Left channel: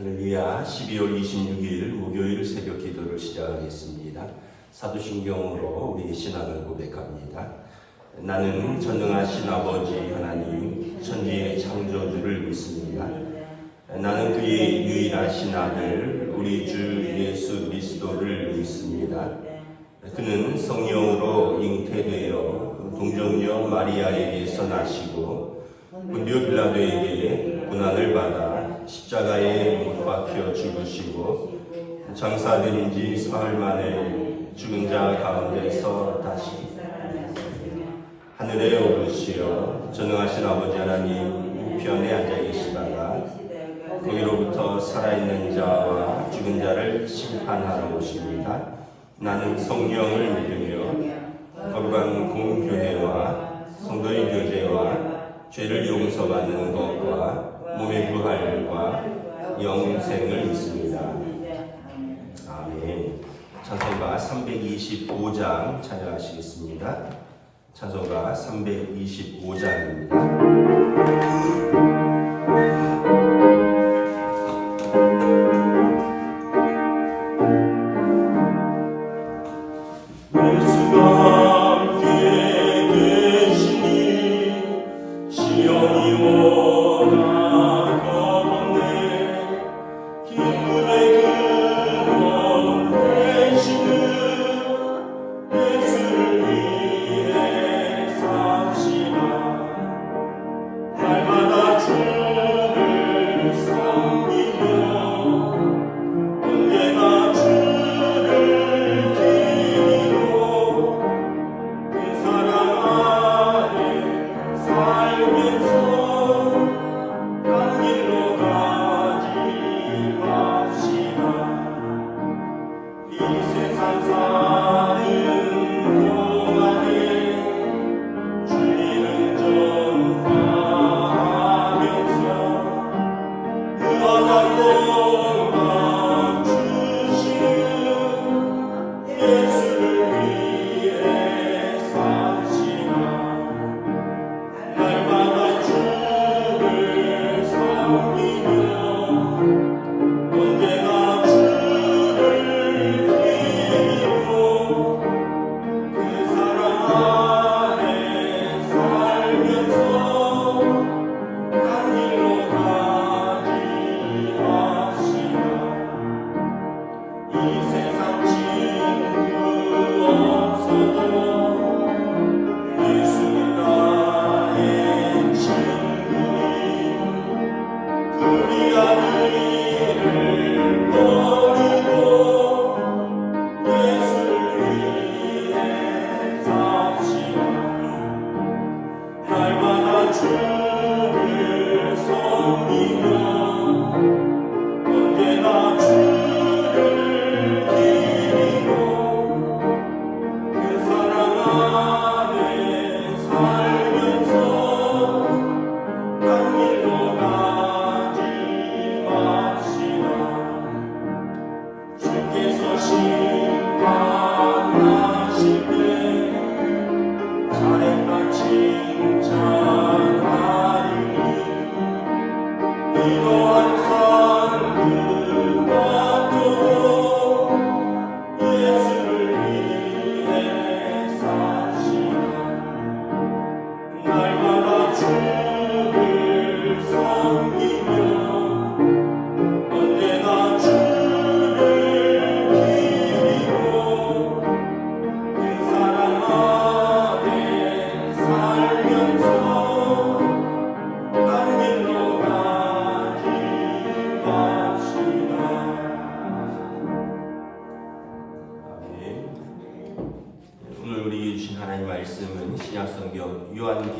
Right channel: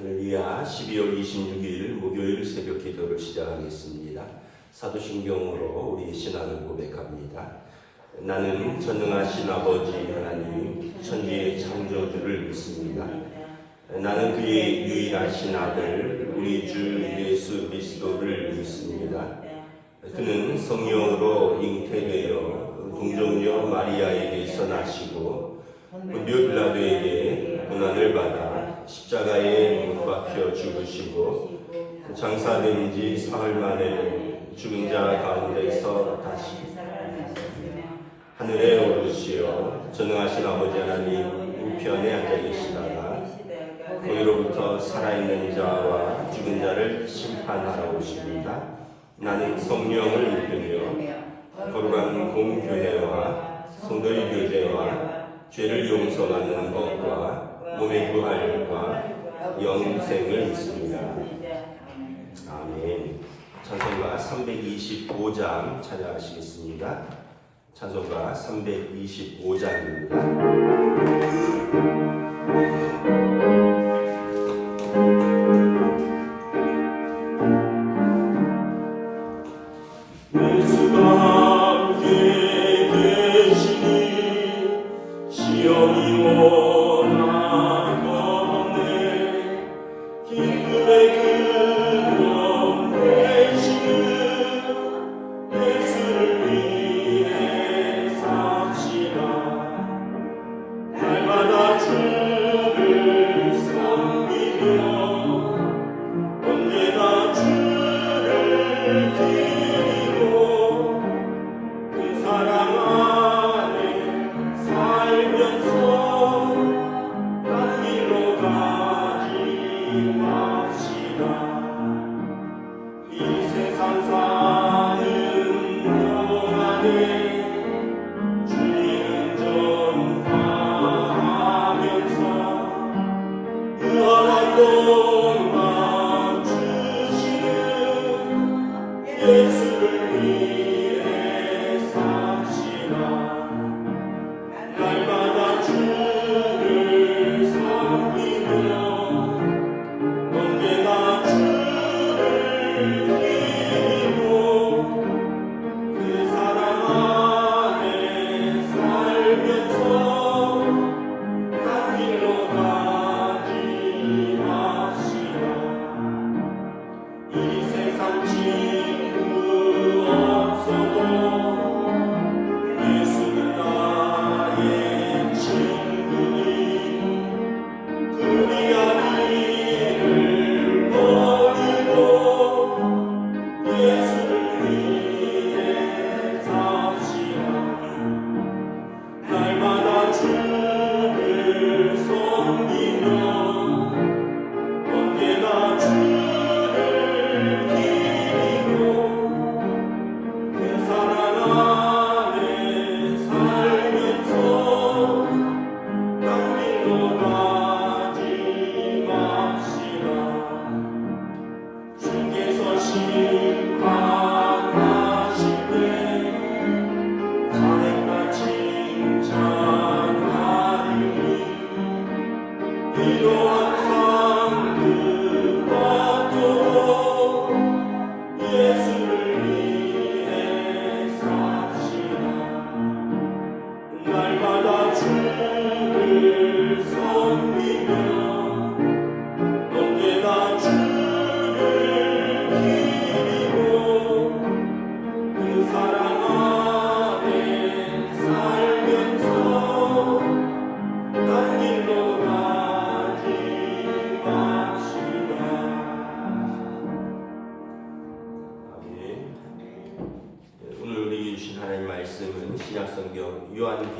할렐루야. 12월 26일 목요일 새벽 기도를 시작하겠습니다. 사도신경으로 우리 신앙을 고백합니다. 나는 전능하신 아버지 하나님 천지의 창조주를 믿습니다. 나는 그의 유일하신 아들 우리 주 예수 그리스도를 믿습니다. 그는 성령으로 잉태되어 동정녀 마리아에게서 나시고 본디오 빌라도에게 고난을 받아 십자가에 못 박혀 죽으시고 장사된 지 사흘 만에 죽은 자 가운데서 다시 하늘에 오르시어 전능하신 아버지 하나님 우편에 앉아 계시다가 거기로부터 살아있는 자와 죽은 자를 심판하러 오십니다. 나는 성령을 믿으며 거룩한 공교회와 성도의 교제와 죄를 용서받는 것과 몸의 부활과 영생을 믿습니다. 아멘. 찬송가 325장 찬양하시겠습니다. 찬송가 325장입니다.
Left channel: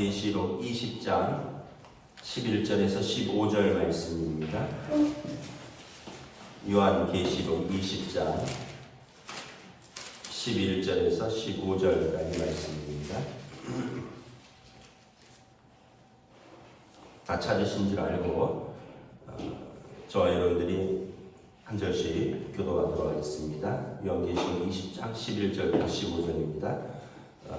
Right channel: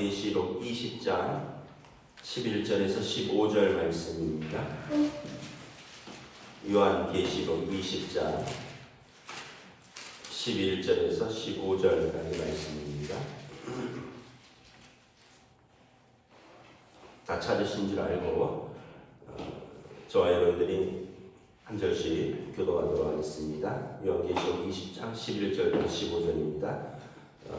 요한계시록 20장 11절에서 15절 말씀입니다. 요한계시록 20장 11절에서 15절까지 말씀입니다. 다 찾으신 줄 알고 저와 여러분들이 한 절씩 교도하도록 하겠습니다. 요한계시록 20장 11절부터 15절입니다.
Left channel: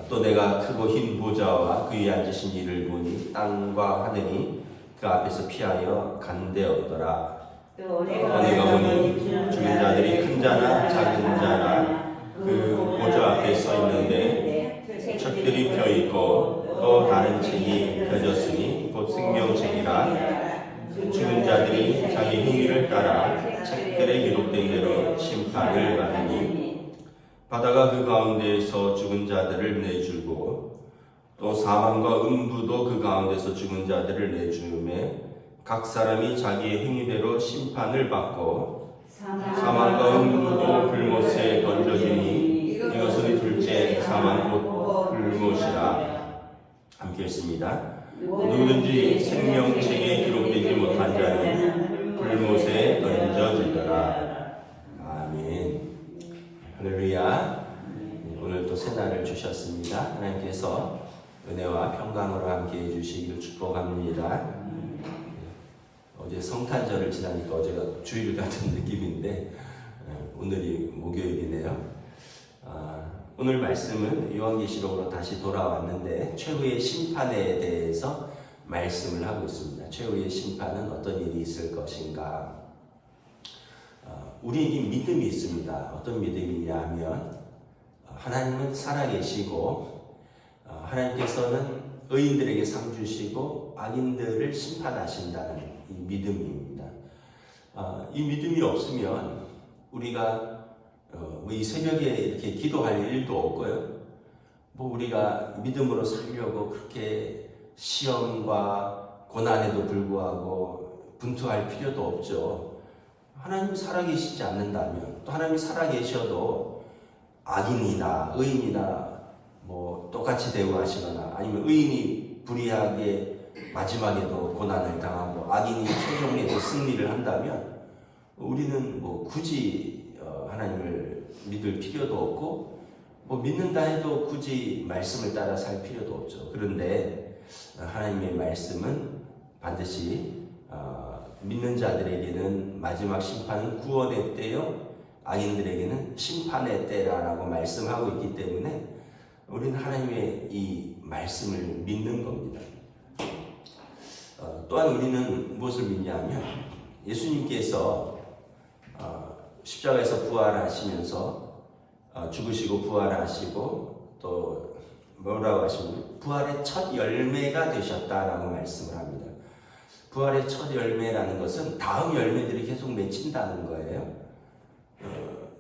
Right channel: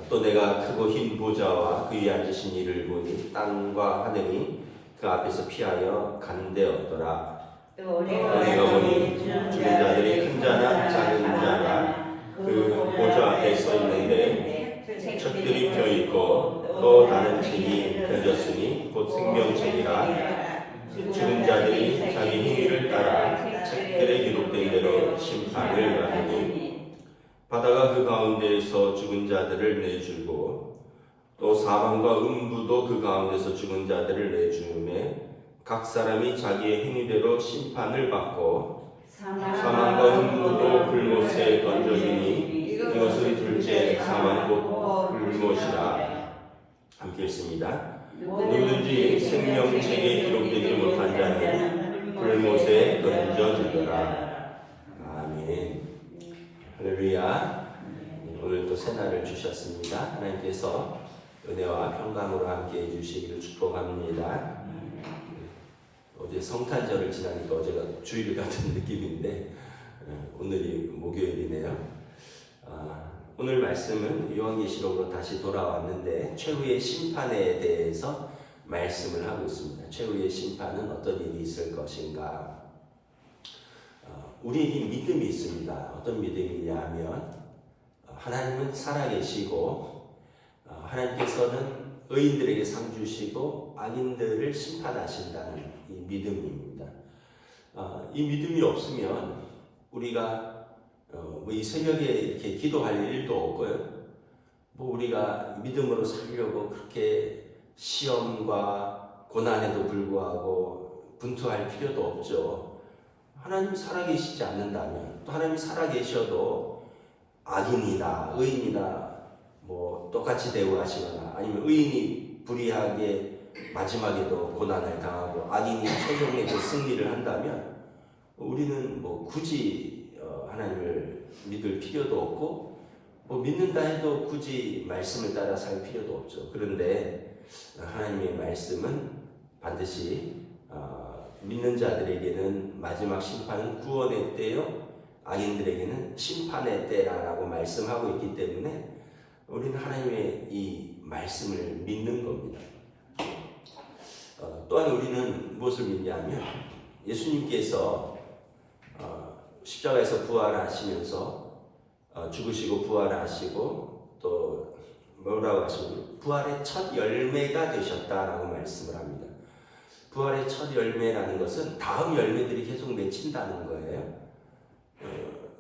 또 내가 크고 흰 보좌와 그 위에 앉으신 이를 보니 땅과 하늘이 그 앞에서 피하여 간대었더라. 내가 보니 죽은 자들이 큰 자나 작은 자나 그 보좌 앞에 서 있는데 책들이 펴 있고 또 다른 책이 펴졌으니 곧 생명책이라 죽은 자들이 자기 행위를 따라 책들에 기록된 대로 심판을 받으니 바다가 그 가운데에서 죽은 자들을 내주고 또 사망과 음부도 그 가운데서 죽은 자들을 내주음에 각 사람이 자기의 행위대로 심판을 받고 사망과 음부도 불못에 던져지니 이것은 둘째 사망 곧 불못이라. 함께 읽습니다. 누구든지 생명책에 기록되지 못한 자는 불못에 던져지더라. 아멘. 할렐루야. 오늘 또 새날을 주셨습니다. 하나님께서 은혜와 평강으로 함께 해주시기를 축복합니다. 어제 성탄절을 지나니까 어제가 주일 같은 느낌인데 오늘이 목요일이네요. 오늘 말씀은 요한계시록으로 다시 돌아왔는데 최후의 심판에 대해서 말씀을 하고 있습니다. 최후의 심판은 어떤 일이 있을 것인가? 우리에게 믿음이 있습니다. 어떤 믿음이냐 하면 하나님은 살아계시고 하나님께서는 의인들에게 상 주시고 악인들을 심판하신다는 이 믿음입니다. 이 믿음이 없으면 우리가 이 새벽에 이렇게 기도할 일도 없고요. 우리가 믿음으로 살려고 그렇게 시험과 고난에도 불구하고 분투할 필요도 없죠. 하나님이 살아계시지 않는다면 또 하나님이 살아계셔도 악인이나 의인이나 똑같이 대우하시거나 아니면 의인이 불의하게 마지막에도 고난을 당하고 악인이 최종에도 승리를 한다면 우리는 굳이 하나님을 믿을 필요도 없고 믿는다 해도 굳이 말씀을 따라 살 필요도 없죠. 그런데 하나님의 말씀은 반드시 믿는 자들에게는 마지막 심판은 구원의 때요 악인들에게는 심판의 때라고 말씀하고 있기 때문에 우리는 하나님의 이 말씀을 믿는 겁니다. 또한 우리는 무엇을 믿냐면 예수님께서 십자가에서 부활하시면서 죽으시고 부활하시고 또 뭐라고 하시면 부활의 첫 열매가 되셨다라고 말씀을 합니다. 부활의 첫 열매라는 것은 다음 열매들이 계속 맺힌다는 거예요.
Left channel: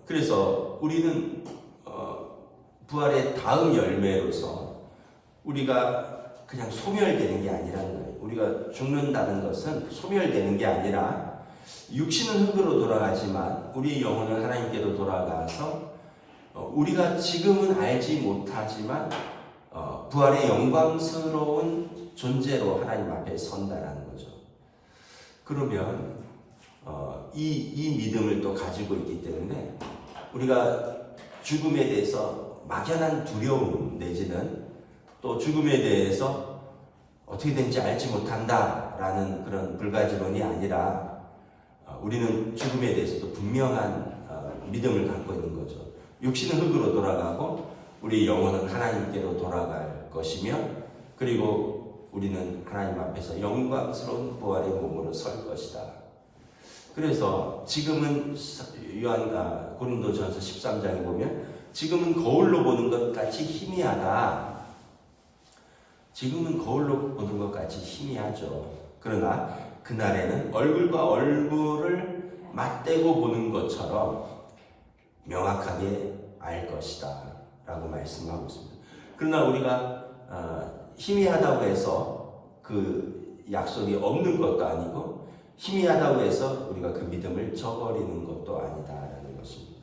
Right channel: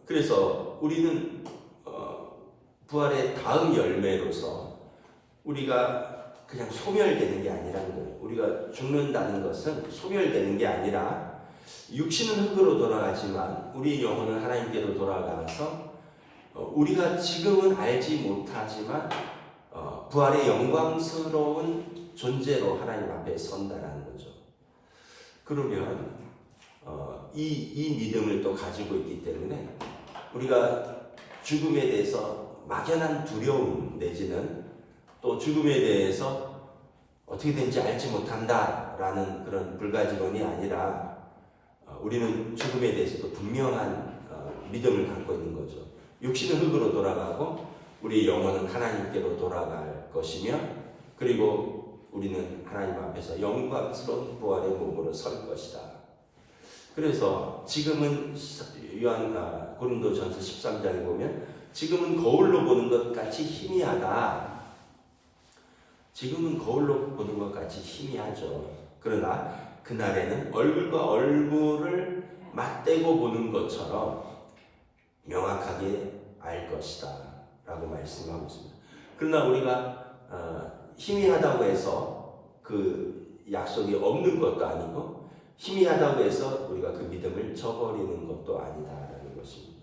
그래서 우리는 부활의 다음 열매로서 우리가 그냥 소멸되는 게 아니라는 거예요. 우리가 죽는다는 것은 소멸되는 게 아니라 육신은 흙으로 돌아가지만 우리 영혼은 하나님께로 돌아가서 우리가 지금은 알지 못하지만 부활의 영광스러운 존재로 하나님 앞에 선다라는 거죠. 그러면 이 믿음을 또 가지고 있기 때문에 우리가 죽음에 대해서 막연한 두려움 내지는 또 죽음에 대해서 어떻게 된지 알지 못한다라는 그런 불가지론이 아니라 우리는 죽음에 대해서도 분명한 믿음을 갖고 있는 거죠. 육신은 흙으로 돌아가고 우리 영혼은 하나님께로 돌아갈 것이며 그리고 우리는 하나님 앞에서 영광스러운 부활의 몸으로 설 것이다. 그래서 지금은 고린도전서 13장에 보면 지금은 거울로 보는 것 같이 희미하다. 지금은 거울로 보는 것 같이 희미하죠. 그러나 그날에는 얼굴과 얼굴을 맞대고 보는 것처럼 명확하게 알 것이다 라고 말씀하고 있습니다. 그러나 우리가 희미하다고 해서 그 약속이 없는 것도 아니고 희미하다고 해서 우리가 그 믿음을 저버리는 것도 아니다라는 것입니다.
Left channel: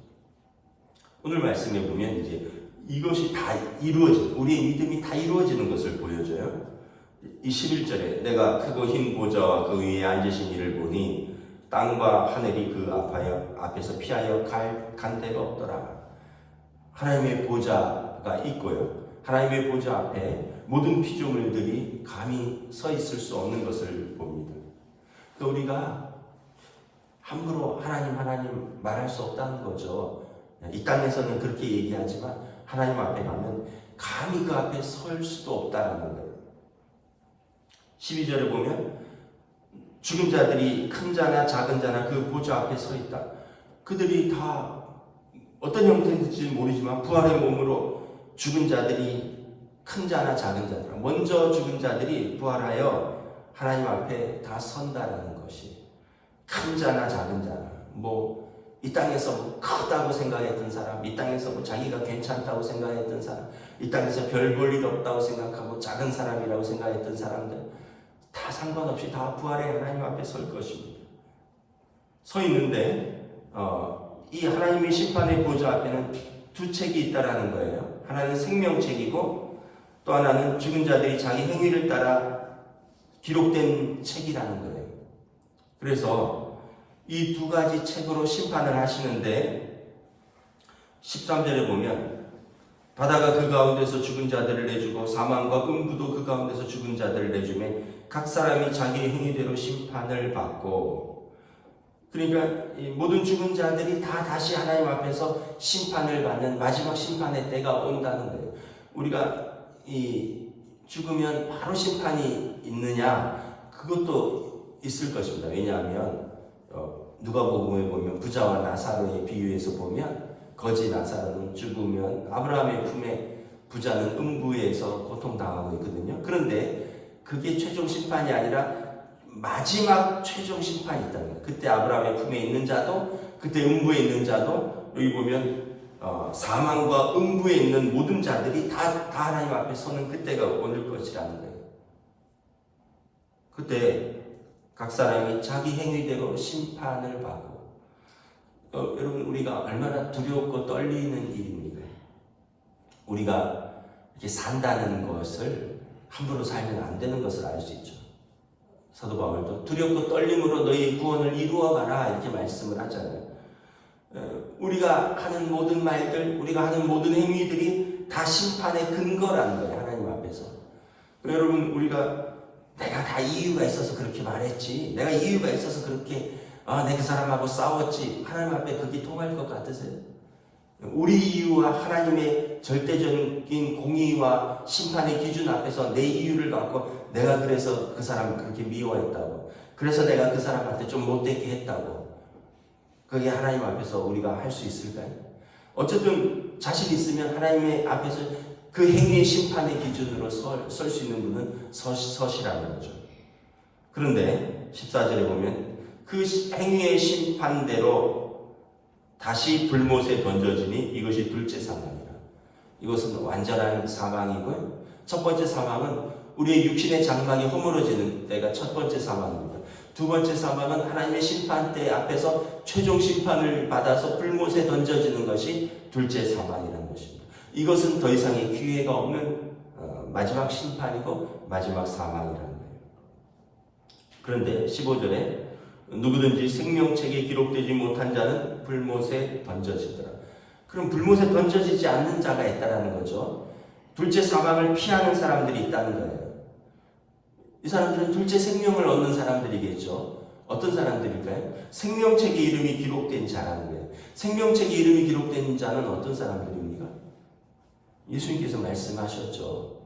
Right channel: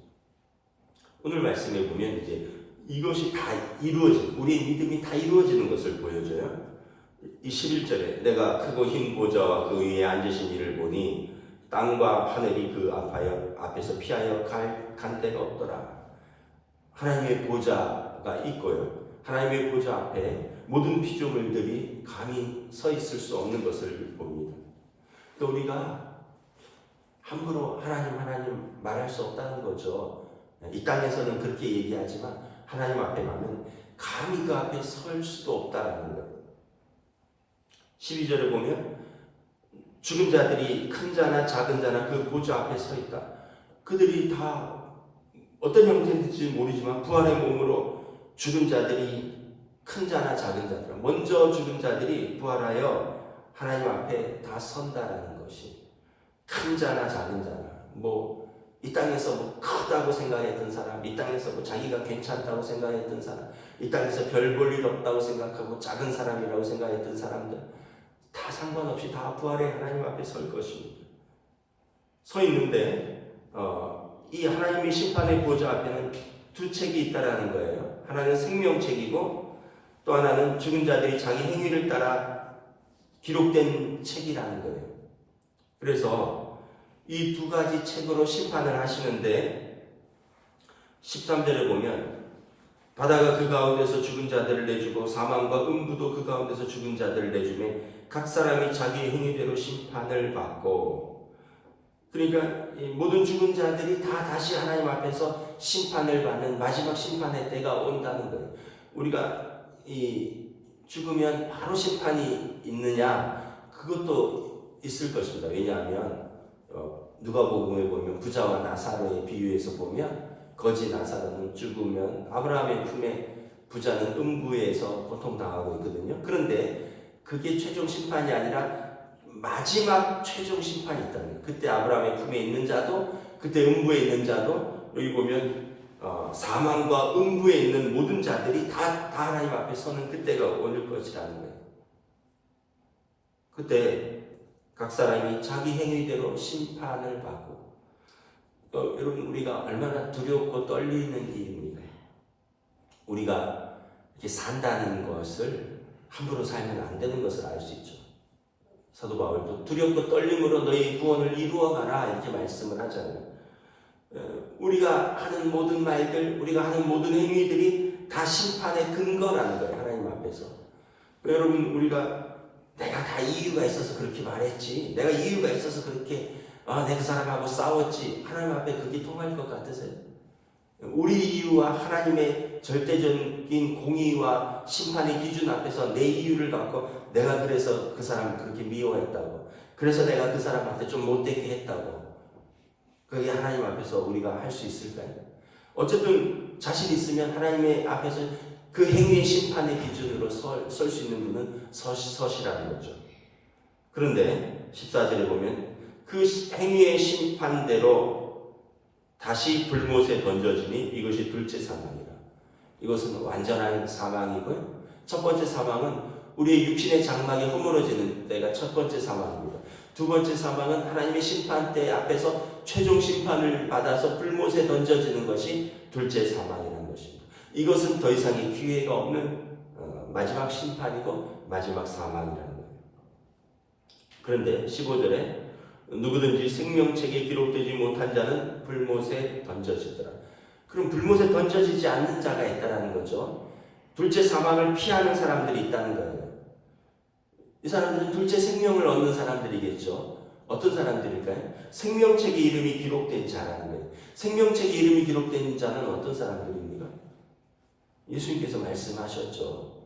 오늘 말씀에 보면 이제 이것이 다 우리의 믿음이 다 이루어지는 것을 보여줘요. 이 11절에 내가 크고 흰 보좌와 그 위에 앉으신 이를 보니 땅과 하늘이 그 앞에서 피하여 간 데가 없더라. 하나님의 보좌가 있고요. 하나님의 보좌 앞에 모든 피조물들이 감히 서 있을 수 없는 것을 봅니다. 그러니까 우리가 함부로 하나님 말할 수 없다는 거죠. 이 땅에서는 그렇게 얘기하지만 하나님 앞에 가면 감히 그 앞에 설 수도 없다라는 거예요. 12절에 보면 죽은 자들이 큰 자나 작은 자나 그 보좌 앞에 서 있다. 그들이 다 어떤 형태인지 모르지만 부활의 몸으로 죽은 자들이 큰 자나 작은 자들, 먼저 죽은 자들이 부활하여 하나님 앞에 다 선다라는 것이, 큰 자나 작은 자나, 이 땅에서 크다고 생각했던 사람, 이 땅에서 자기가 괜찮다고 생각했던 사람, 이 땅에서 별 볼 일 없다고 생각하고 작은 사람이라고 생각했던 사람들 다 상관없이 다 부활의 하나님 앞에 설 것입니다. 서 있는데 이 하나님의 심판의 보좌 앞에는 두 책이 있다라는 거예요. 하나는 생명책이고 또 하나는 죽은 자들이 자기 행위를 따라 기록된 책이라는 거예요. 그래서 이 두 가지 책으로 심판을 하시는데 13절에 보면 바다가 그 가운데서 죽은 자들을 내주고 사망과 음부도 그 가운데서 죽은 자들을 내주매 각 사람이 자기의 행위대로 심판을 받고, 그러니까 이 모든 죽은 자들이 다 다시 하나님 앞에서 심판을 받는 마지막 심판의 때가 온다는 거예요. 우리가 이 죽으면 바로 심판이 있느냐, 그것도 있을 것입니다. 왜냐하면 누가복음에 보면 부자와 나사로의 비유에서 보면 거지 나사로는 죽으면 아브라함의 품에 부자는 음부에서 고통당하고 있거든요. 그런데 그게 최종 심판이 아니라 마지막 최종 심판이 있다는 거예요. 그때 아브라함의 품에 있는 자도, 그때 음부에 있는 자도, 여기 보면 사망과 음부에 있는 모든 자들이 다 하나님 앞에 서는 그때가 올 것이라는 거예요. 그때 각 사람이 자기 행위대로 심판을 받고, 여러분 우리가 얼마나 두렵고 떨리는 일입니까? 우리가 이렇게 산다는 것을 함부로 살면 안 되는 것을 알 수 있죠. 사도 바울도 두렵고 떨림으로 너희 구원을 이루어가라 이렇게 말씀을 하잖아요. 우리가 하는 모든 말들, 우리가 하는 모든 행위들이 다 심판의 근거라는 거예요. 하나님 앞에서. 여러분 우리가 내가 다 이유가 있어서 그렇게 말했지, 내가 이유가 있어서 그렇게 내가 그 사람하고 싸웠지, 하나님 앞에 그게 통할 것 같으세요? 우리 이유와 하나님의 절대적인 공의와 심판의 기준 앞에서 내 이유를 갖고 내가 그래서 그 사람을 그렇게 미워했다고, 그래서 내가 그 사람한테 좀 못되게 했다고, 그게 하나님 앞에서 우리가 할 수 있을까요? 어쨌든 자신 있으면 하나님의 앞에서 그 행위의 심판의 기준으로 설 수 있는 분은 서시라는 거죠. 그런데 14절에 보면 그 행위의 심판대로 다시 불못에 던져지니 이것이 둘째 사망이라. 이것은 완전한 사망이고요. 첫 번째 사망은 우리의 육신의 장막이 허물어지는 때가 첫 번째 사망입니다. 두 번째 사망은 하나님의 심판대 앞에서 최종 심판을 받아서 불못에 던져지는 것이 둘째 사망이라는 것입니다. 이것은 더 이상의 기회가 없는 마지막 심판이고 마지막 사망이라는 거예요. 그런데 15절에 누구든지 생명책에 기록되지 못한 자는 불못에 던져지더라. 그럼 불못에 던져지지 않는 자가 있다는 거죠. 둘째 사망을 피하는 사람들이 있다는 거예요. 이 사람들은 둘째 생명을 얻는 사람들이겠죠. 어떤 사람들일까요? 생명책에 이름이 기록된 자라는 거예요. 생명책에 이름이 기록된 자는 어떤 사람들입니까? 예수님께서 말씀하셨죠.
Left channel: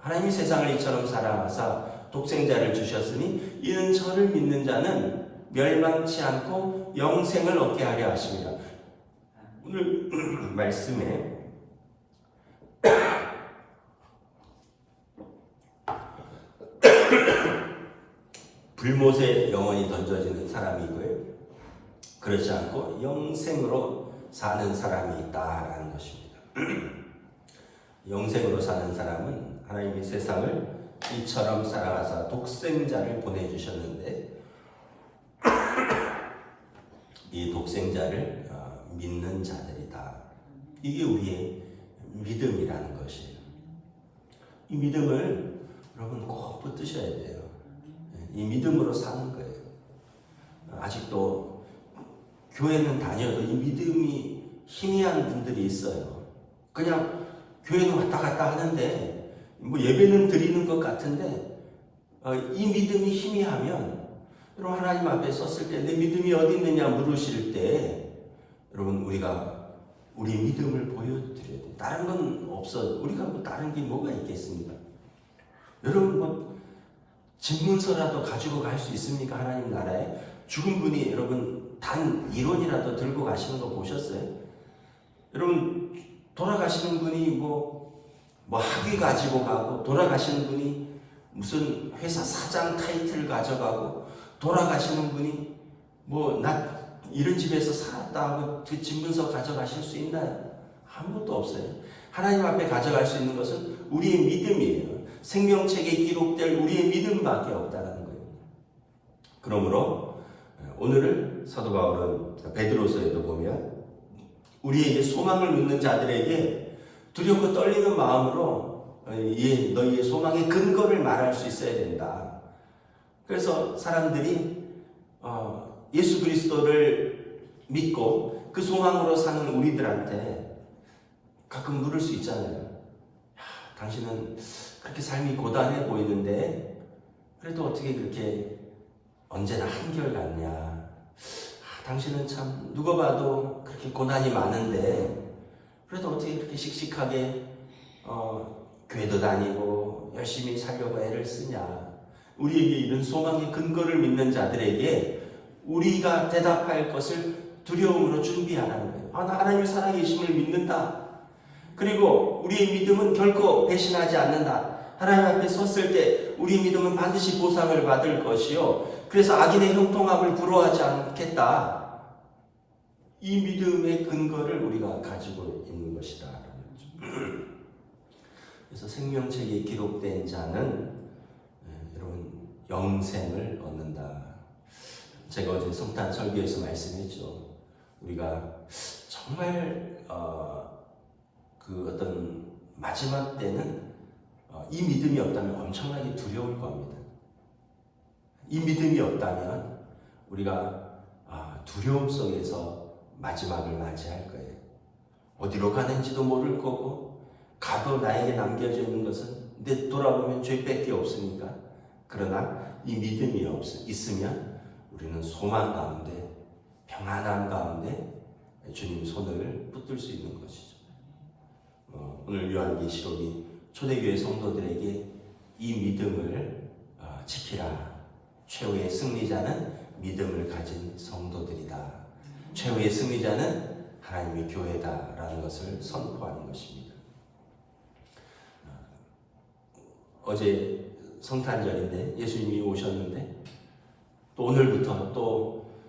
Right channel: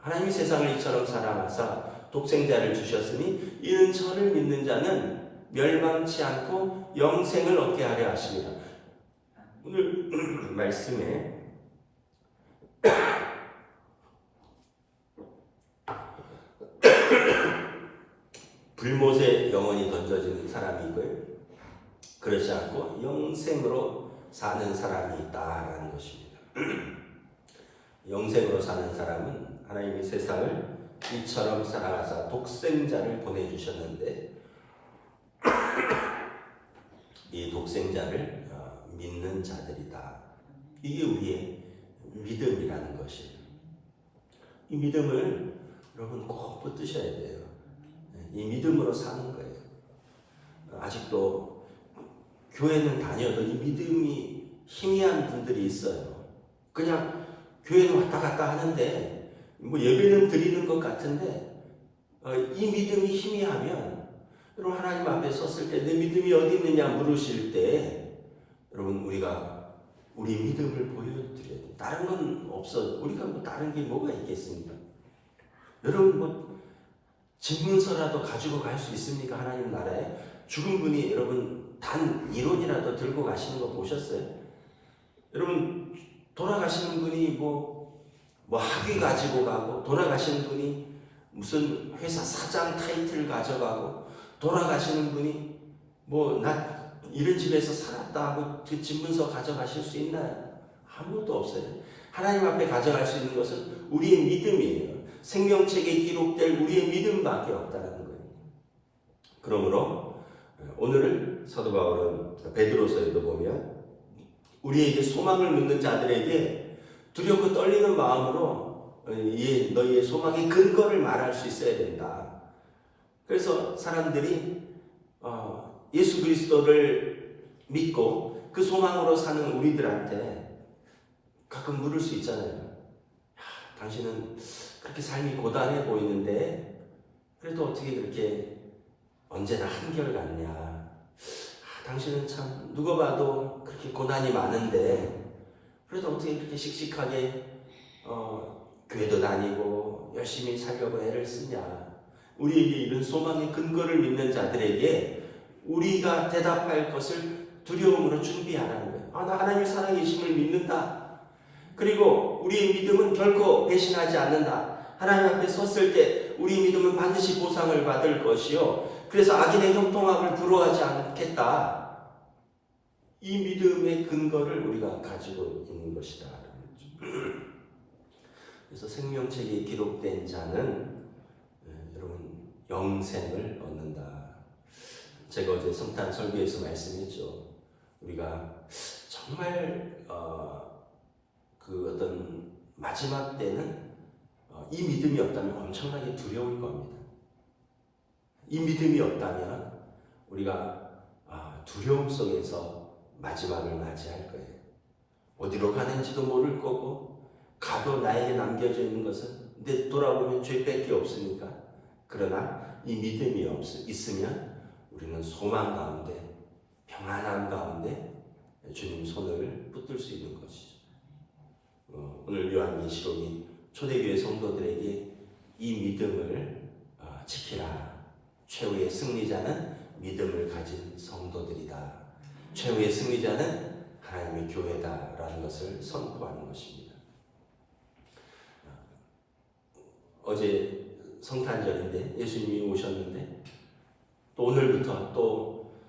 하나님이 세상을 이처럼 사랑하사 독생자를 주셨으니 이는 저를 믿는 자는 멸망치 않고 영생을 얻게 하려 하심이라. 오늘 말씀에 불못에 영원히 던져지는 사람이 있고요, 그렇지 않고 영생으로 사는 사람이 있다라는 것입니다. 영생으로 사는 사람은 하나님이 세상을 이처럼 사랑하사 독생자를 보내주셨는데 이 독생자를 믿는 자들이다. 이게 우리의 믿음이라는 것이에요. 이 믿음을 여러분 꼭 붙드셔야 돼요. 이 믿음으로 사는 거예요. 아직도 교회는 다녀도 이 믿음이 희미한 분들이 있어요. 그냥 교회는 왔다 갔다 하는데 예배는 드리는 것 같은데 이 믿음이 희미하면, 여러분 하나님 앞에 섰을 때 내 믿음이 어디 있느냐 물으실 때 여러분 우리가 우리 믿음을 보여드려야 돼요. 다른 건 없어. 우리가 다른 게 뭐가 있겠습니까? 여러분 집문서라도 가지고 갈 수 있습니까? 하나님 나라에 죽은 분이 여러분 단 이론이라도 들고 가시는 거 보셨어요? 여러분 돌아가시는 분이 뭐 학위 가지고 가고, 돌아가시는 분이 무슨 회사 사장 타이틀 가져가고, 돌아가시는 분이 나 이런 집에서 살았다 하고 그 집문서 가져가실 수 있나요? 아무것도 없어요. 하나님 앞에 가져갈 수 있는 것은 우리의 믿음이에요. 생명책에 기록될 우리의 믿음밖에 없다는 거예요. 그러므로 오늘은 사도 바울은 베드로서에도 보면 우리에게 소망을 묻는 자들에게 두렵고 떨리는 마음으로 너희의 소망의 근거를 말할 수 있어야 된다. 그래서 사람들이 예수 그리스도를 믿고 그 소망으로 사는 우리들한테 가끔 물을 수 있잖아요. 당신은 그렇게 삶이 고단해 보이는데 그래도 어떻게 그렇게 언제나 한결같냐. 당신은 참 누가 봐도 그렇게 고난이 많은데 그래도 어떻게 그렇게 씩씩하게 교회도 다니고 열심히 살려고 애를 쓰냐. 우리에게 이런 소망의 근거를 믿는 자들에게 우리가 대답할 것을 두려움으로 준비하라는 거예요. 나 하나님의 살아계심을 믿는다. 그리고 우리의 믿음은 결코 배신하지 않는다. 하나님 앞에 섰을 때 우리의 믿음은 반드시 보상을 받을 것이요, 그래서 악인의 형통함을 부러워하지 않겠다. 이 믿음의 근거를 우리가 가지고 있는 것이다. 그래서 생명책에 기록된 자는 여러분 영생을 얻는다. 제가 어제 성탄 설교에서 말씀했죠. 우리가 정말 그 어떤 마지막 때는 이 믿음이 없다면 엄청나게 두려울 겁니다. 이 믿음이 없다면 우리가 두려움 속에서 마지막을 맞이할 거예요. 어디로 가는지도 모를 거고, 가도 나에게 남겨져 있는 것은 내 돌아보면 죄밖에 없으니까. 그러나 이 믿음이 있으면 우리는 소망 가운데, 평안함 가운데 주님 손을 붙들 수 있는 것이죠. 오늘 요한계시록이 초대교회 성도들에게 이 믿음을 지키라. 최후의 승리자는 믿음을 가진 성도들이다. 최후의 승리자는 하나님의 교회다라는 것을 선포하는 것입니다. 어제 성탄절인데 예수님이 오셨는데 또 오늘부터 또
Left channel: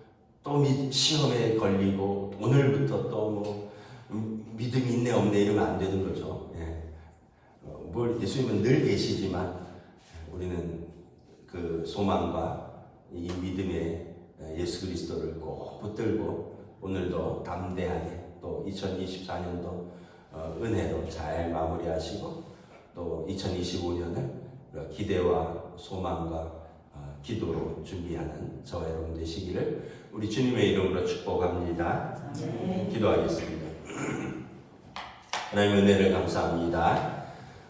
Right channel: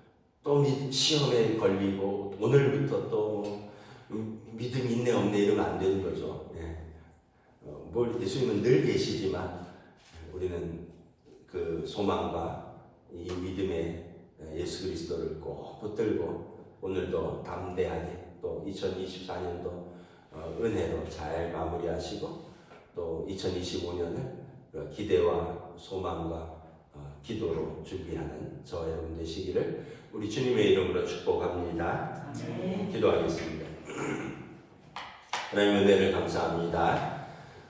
시험에 걸리고 오늘부터 또 믿음이 있네 없네 이러면 안 되는 거죠. 예수님은 늘 계시지만 우리는 그 소망과 이 믿음의 예수 그리스도를 꼭 붙들고 오늘도 담대하게 또 2024년도 은혜로 잘 마무리하시고 또 2025년을 기대와 소망과 기도로 준비하는 저와 여러분 되시기를 우리 주님의 이름으로 축복합니다. 기도하겠습니다. 하나님 은혜를 감사합니다.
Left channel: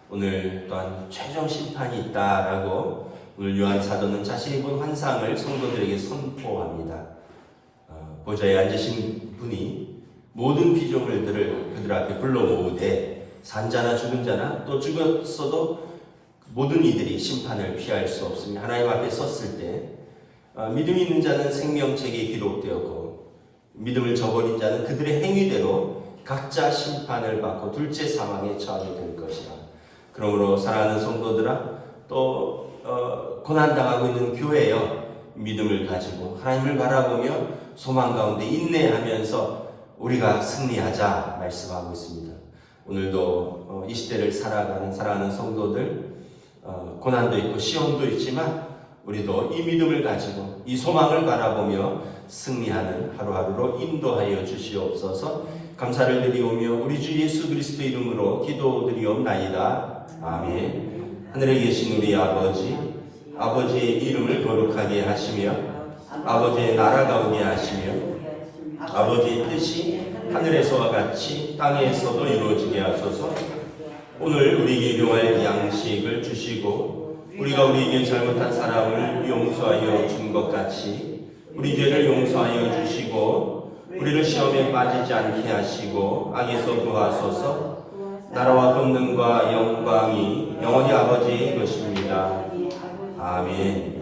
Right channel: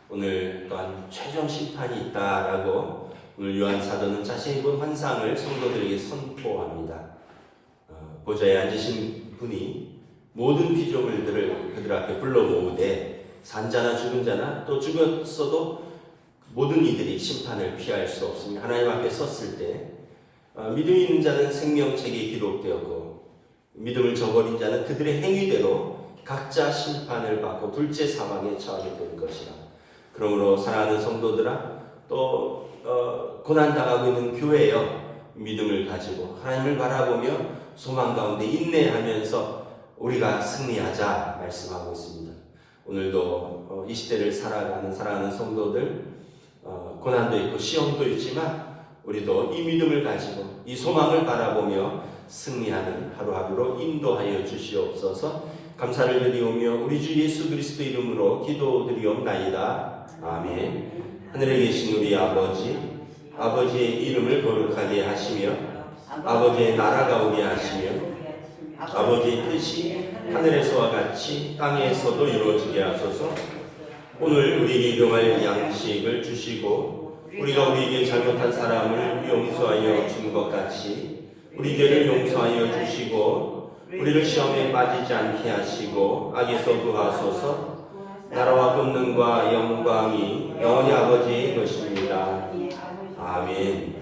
오늘 또한 최종 심판이 있다라고 오늘 요한 사도는 자신이 본 환상을 성도들에게 선포합니다. 보좌에 앉으신 분이 모든 피조물들을 그들 앞에 불러 모으되 산자나 죽은 자나 또 죽었어도 모든 이들이 심판을 피할 수 없으며 하나님 앞에 섰을 때 믿음이 있는 자는 생명책에 기록되었고 믿음을 저버린 자는 그들의 행위대로 각자 심판을 받고 둘째 사망에 처하게 될 것이라. 그러므로 사랑하는 성도들아, 또 고난당하고 있는 교회여, 믿음을 가지고 하나님을 바라보며 소망 가운데 인내하면서 우리가 승리하자 말씀하고 있습니다. 오늘도 이 시대를 살아가는 사랑하는 성도들, 고난도 있고 시험도 있지만 우리도 이 믿음을 가지고 이 소망을 바라보며 승리하는 하루하루로 인도하여 주시옵소서. 감사를 드리오며 우리 주 예수 그리스도 이름으로 기도드리옵나이다. 아멘. 하늘에 계신 우리 아버지, 아버지의 이름을 거룩하게 하시며 아버지의 나라가 오게 하시며 아버지의 뜻이 하늘에서와 같이 땅에서도 이루어지게 하소서. 오늘 우리에게 일용할 양식을 주시고 우리가 우리에게 잘못한 사람을 용서하여 준 것 같이 우리 죄를 용서하여 주시고 우리를 시험에 빠지지 않게 하시고 악에서 구하소서. 나라와 권능과 영광이 영원히 아버지의 것입니다. 아멘. 아멘.